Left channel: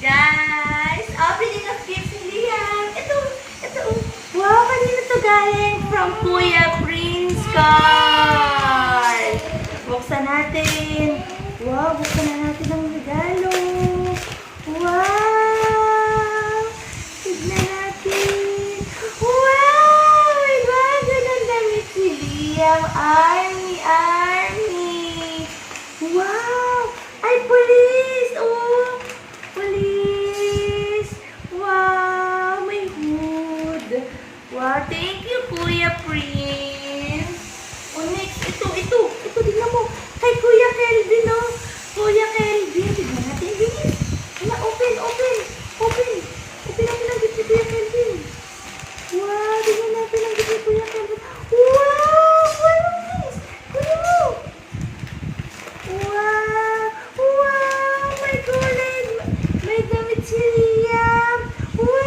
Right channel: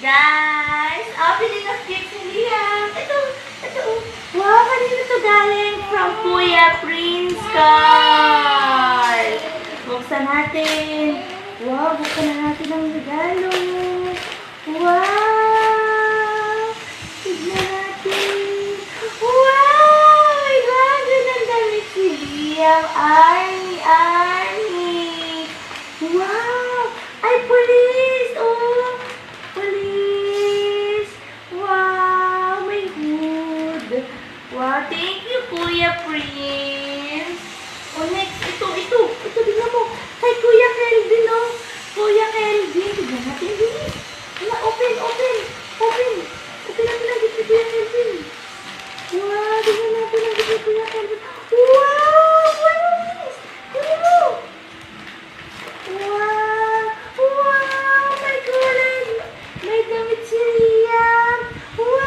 Guys, opening of gifts ni Liam. Ito. Wow, kanina to galing from Kuya Prince Carl. Buksan natin. Wow, buksan na natin ang regalo. Wow! Tignan natin. Wow! My God, ang damit si Liam. Army. Wow! Ay, police! Oh! Police! Wow! May hood. Wow! Thank you, Kuya Prince. Oh, next. Ito. Tignan mo. Kay Kuya Kelvin, oh. Kuya Kelvin. Tignan natin, bilis. Hala, open. Open natin ang gift ni Kuya Kelvin. Wow! Tignan natin ang gift ni Kuya Kelvin. Wow! Police! Tignan mo. Wow! May kulay! May damit si Liam! Wow!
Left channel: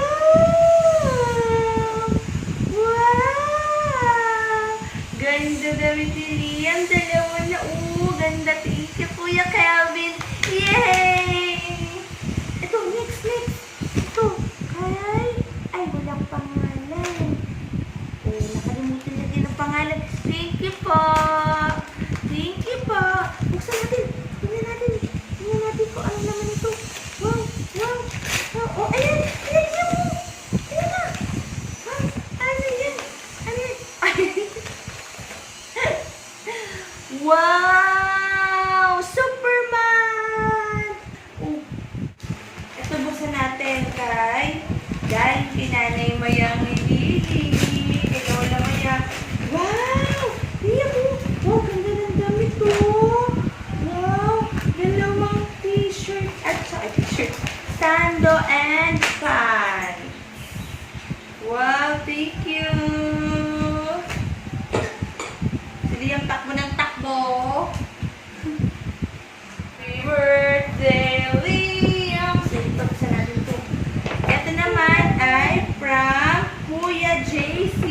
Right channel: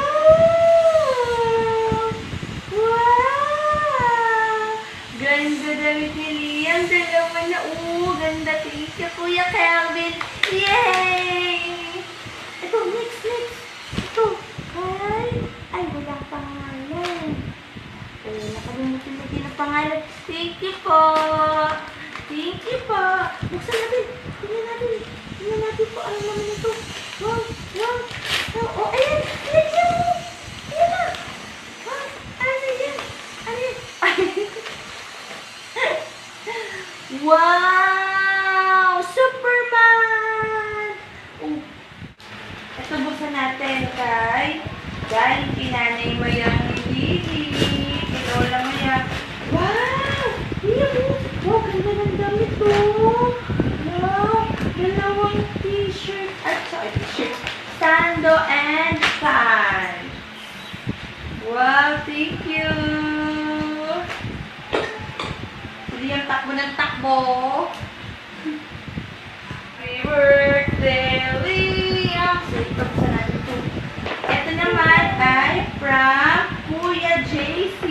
Ganda damit ni Liam. Dalawa na. Ganda. Thank you, Kuya Kelvin. Yay! Ito, next. Ito. Ay, walang pangalan. Nakalimutan na din ang pangalan. Thank you po. Buksan natin. Tingnan natin po. Ano naman ito? Wow. Oh, ayan. Ayan na. Wow. Ano yan? Wow! Superman! Oh. Ito buksan natin galing pinanay mo yan ni Lily. Ito lang yan. Wow! Wow, ganda ng damit to. Wow! Dalawang t-shirt. T-shirt. Sando and pants. Wow, thank you. Sige yung takbo ng takbo. Happy birthday, Liam. Sige, pagsa natin ito. Ito naman ay from Kuya JC.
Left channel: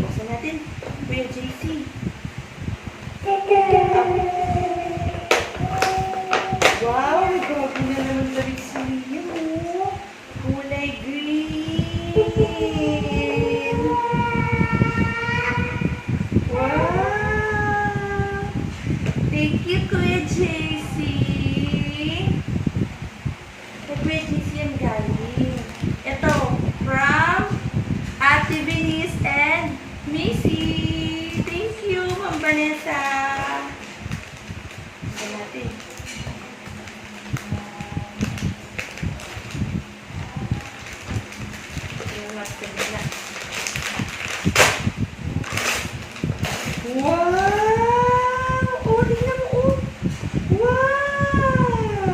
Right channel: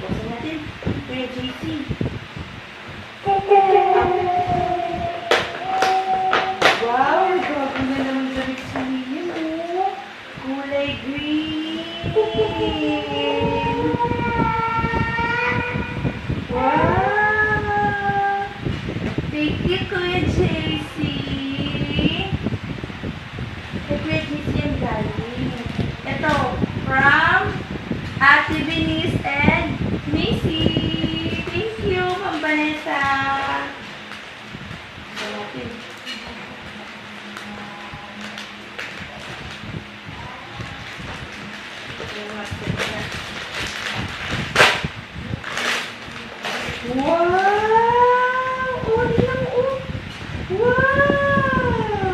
Buksan natin. Kuya JC. Wow, grabe na naman damit si Liam, oh. Kulay green. Wow. Thank you, Kuya JC. Kay Kuya JC yan galing. Ito, from Ate Benice and Macy. Thank you, Ma'am Vanessa. Ito natin. Wow! Oh, tingnan mo, oh. Wow!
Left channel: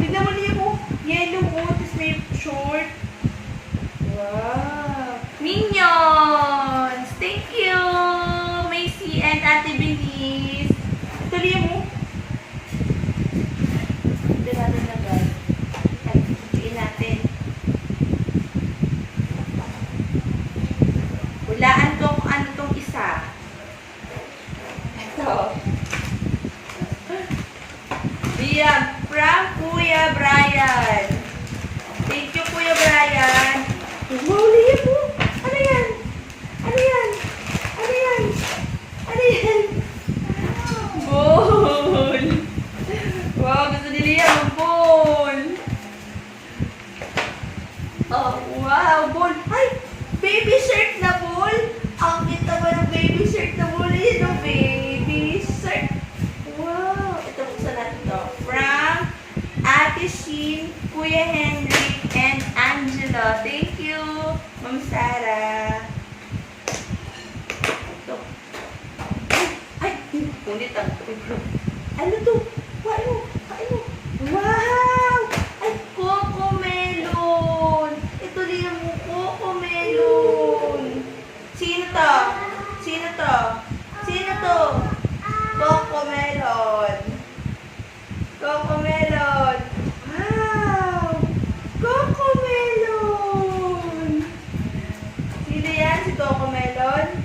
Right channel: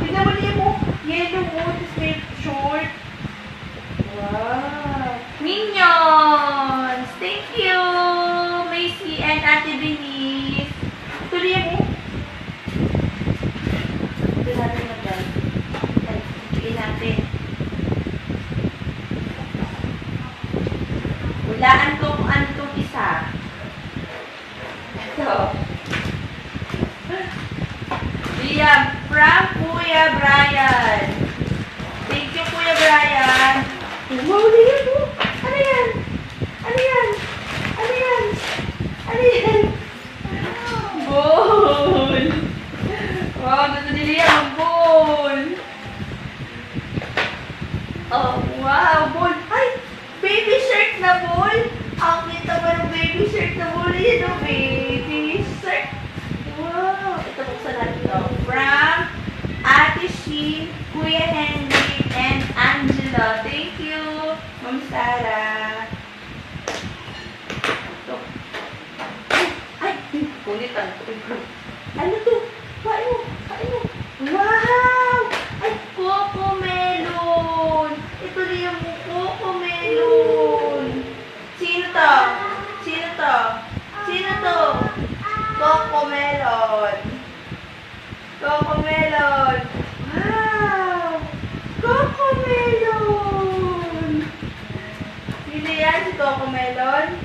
Tingnan mo niya mo. Yellow, oh. Tapos may short. Wow! Minions! Thank you, Macy and Ate Benice. Tuloy mo. Ito natin na guys. Ay, tuloy natin. Hulaan ko kung ano itong isa. Ito. Liam, from Kuya Brian. Thank you, Kuya Brian. Wow, Liam po. Ano yan? Ball. Wow, gusto ni Liam ang ball. Oh, wow, ball. Ay! Baby shirt na ball. Ang kita ba ng baby shirt na ball? Yan o, baby shirt. Wow. Ito buksan natin ito. From Ate Sheen, Kuya Henry, and Angela. Thank you, Ma'am Sarah. Ito. Ay, ulit ang ito. Ano to? Kain mo. Wow! Ay, Coco Melon. Ito liyan mo, Coco Melon. Sino to? Coco Melon. Wow! Coco Melon. Sino yan? Si Coco Melon?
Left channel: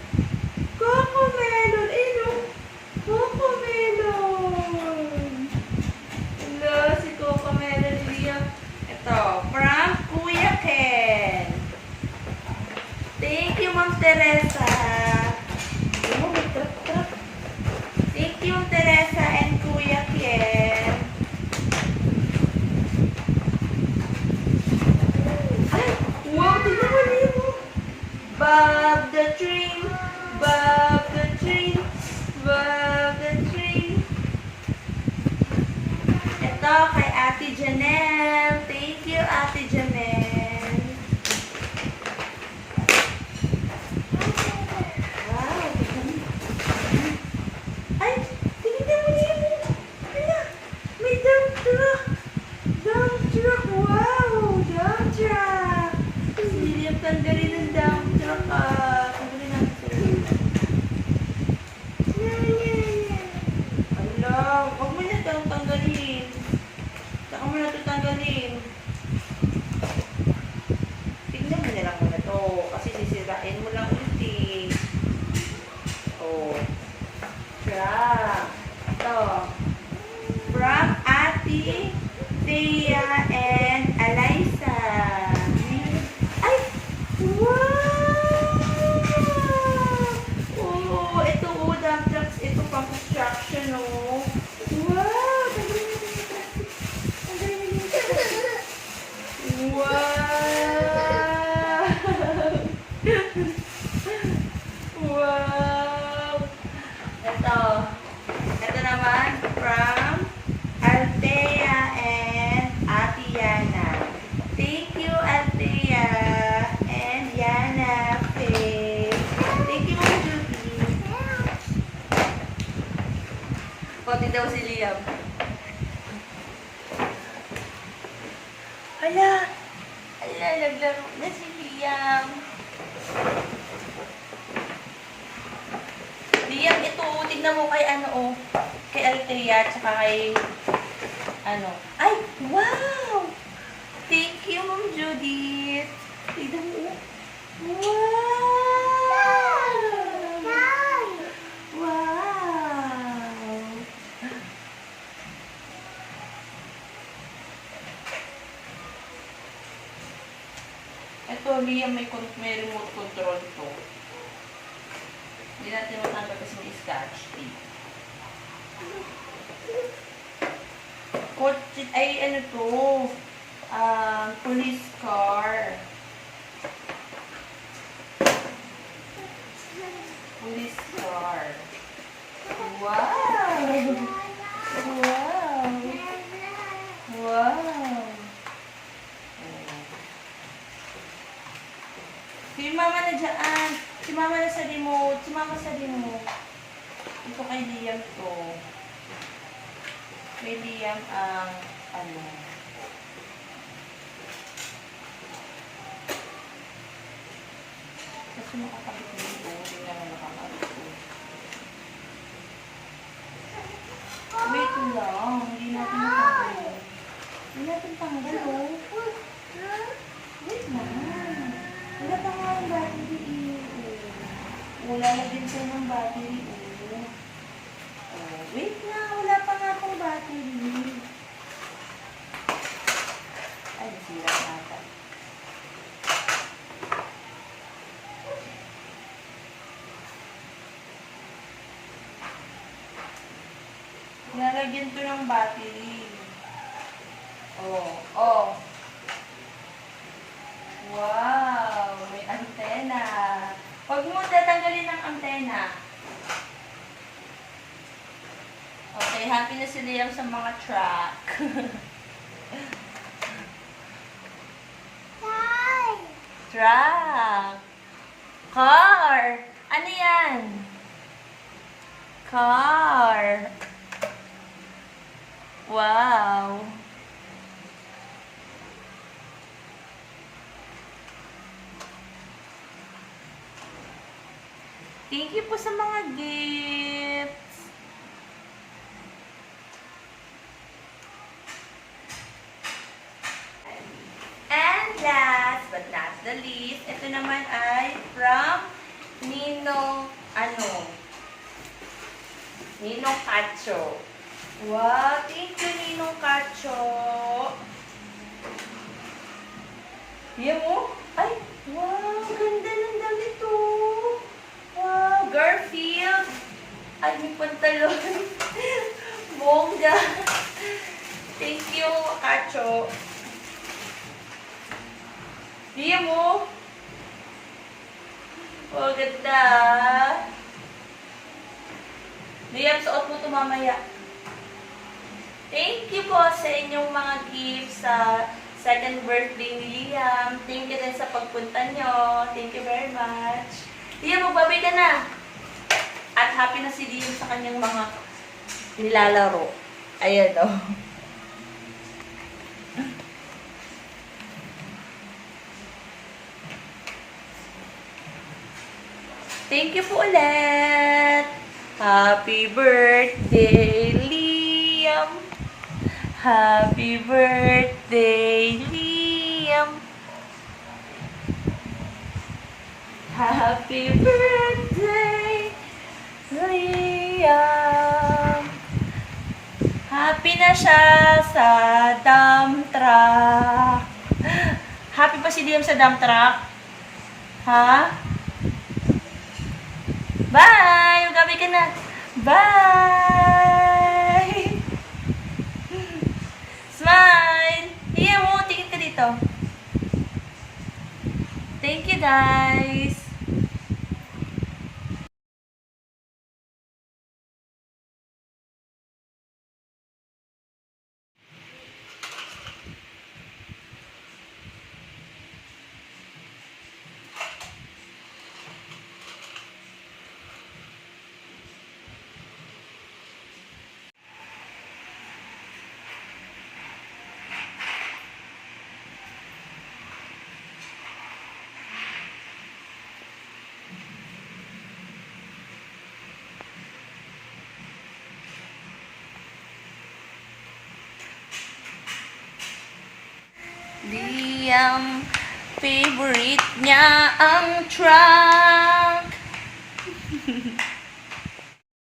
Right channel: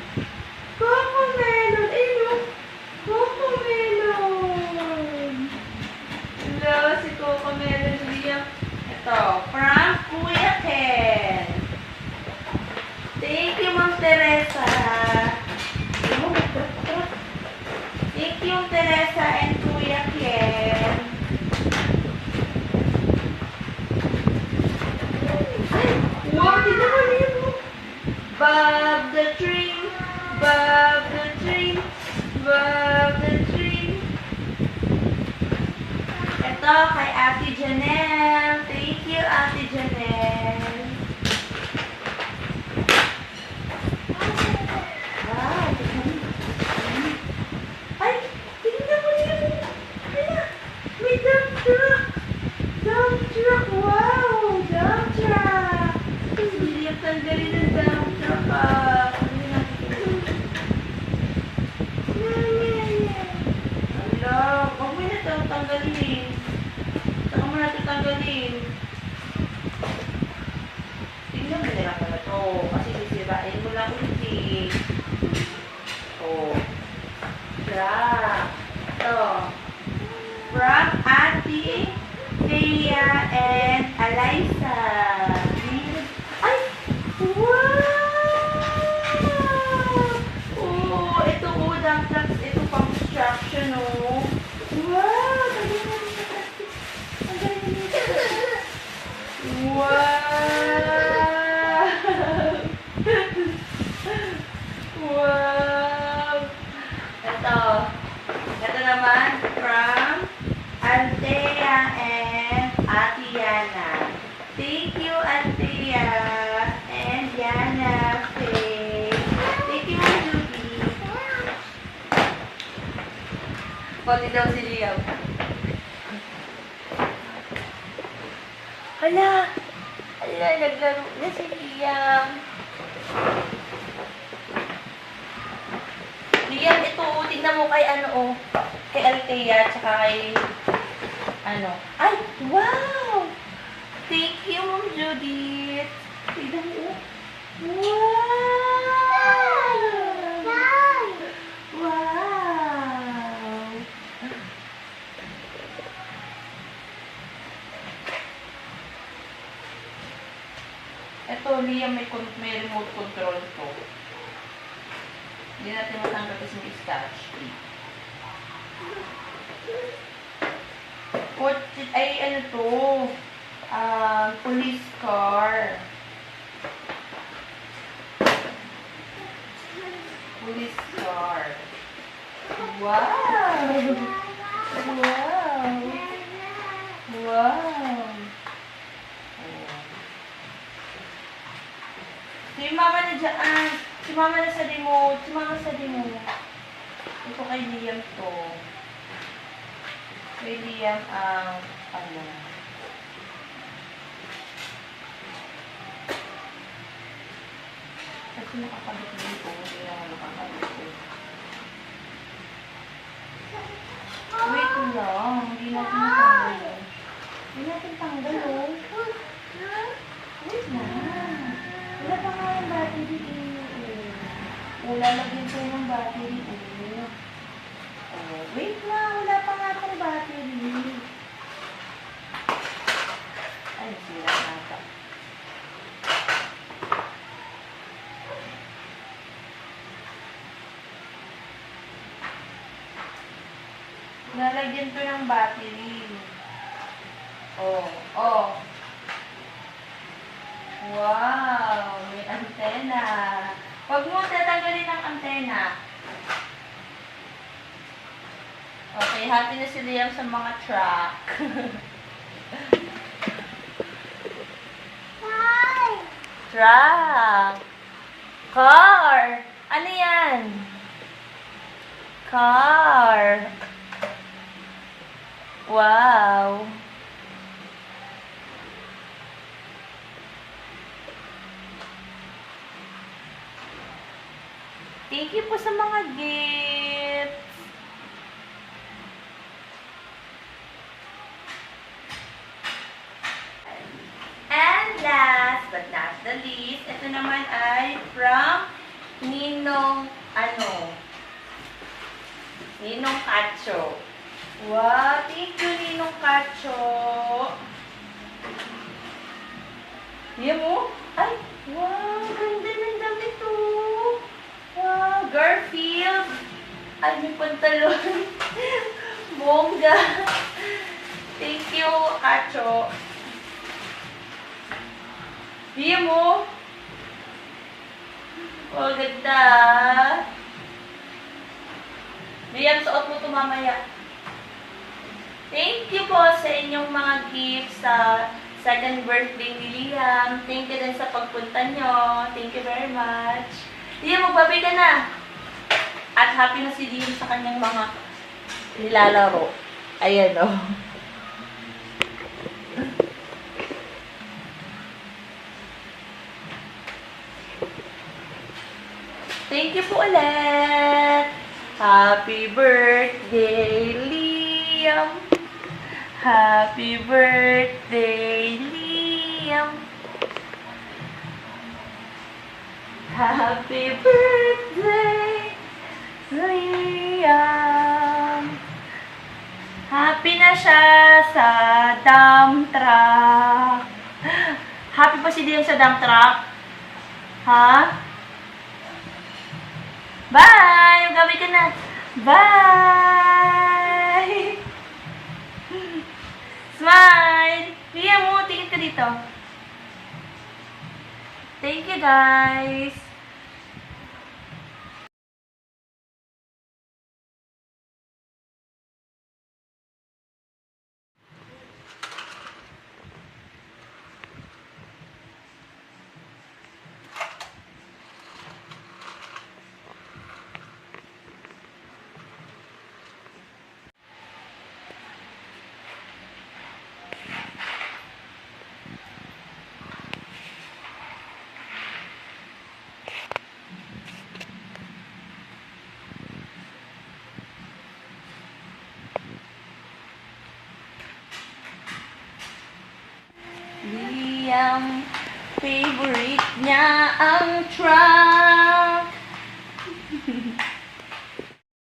Coco Melon. Ito, from Kuya Ken. Thank you, Ma'am Teresa. Oh, may truck. Thank you, Teresa and Kuya Ken. Ay, wow, tingnan mo niyo. Bob the train, Bob the train, Bob the train. Ito, kay Ate Janelle. Thank you, Ate Janelle. Wow, ay, tingnan mo niyo. Hala, may dump truck. Dump truck, wow, dump truck. Hindi yung tanggalin ng dump truck, ah. Tanggalin natin. Hala, huwag mo na ito tanggalin. Saka mo na ito tanggalin. Tingnan mo na lang muna ito. Kasi sisirain mo lang ulit eh. Oh. Truck. Ito. From Ate Thea and Eliza. Ay! Wow! Oh, ito dump trucks. Ito pang construction, oh. Wow! Tanggalin na yung plastic. Tanggalin na yung plastic. Wow! Wow! Ito. Ito naman from Althea and Ate Yana. Thank you, Althea and Yana. Thank you, Ma'am Judy. Pati daw si Liam. Hala! Hala, naglaro na si Liam. Liam, ito, tignan mo kay ano, oh. Kay Althea, tsaka kay, ano. Ay, wow! Thank you, Ma'am Judith. Tignan mo, oh. Wow! Wow! Ito, Liam, may remote control to. Hindi natin matanggal kasi may scotch tape. Ay, ano to? Police car. Police car. Wow! Wow! Wow! Oh. Si mama na dyan. Si mama na sa remote. Si mama sa remote. Ito kay Liam to. Kay Liam ang ano. Kasi nakakabit dito. Hindi naman nakakabit ko. Wait lang. Hindi natin tanggal. Hindi natin tanggal, oh. Wait lang. Wala pa nga yung battery, eh. Wala lang din sa'yo ng battery, oh. Oh, wait lang. Wala pa nga itong battery. Ay, nasira nata. Nalagyan ko ng battery. Oh, oh. Wow, may antena. Huwag mo tatanggalin ang antena. Okay, happy na si Liam sa mga truck. Truck. Car. Ano yan? Car. Wow. Thank you po sa mga gifts. And last but not the least, ito naman ay from Ninong, Ninong Cacho. Wow, thank you, Ninong Cacho. Yan mo? Ay, wow, ganda ng damit to. Wow, Garfield. Ay, may pantalon. Bongga. Thank you, Kacho. Yan mo? Oh, ganda. Liam, suot mo ito mamaya. Thank you po sa inyong mga gifts sa second birthday ni Liam. Thank you din sa pagpunta nyo. Thank you very much. Liam, magbabay ka na. At happy na si Liam sa kanyang mga nilalaro. Ayan o. Oh. Thank you po ulit. Happy birthday, Liam. Happy birthday, Liam. Happy birthday, Liam. Happy na siya sa dump truck. Happy pa si Liam sa dump truck? Ha? Bye! Gabi ka na. Bye! Smile! Liam mo, tingin ka dito. Thank you, guys. Liam, favorite niya ang truck.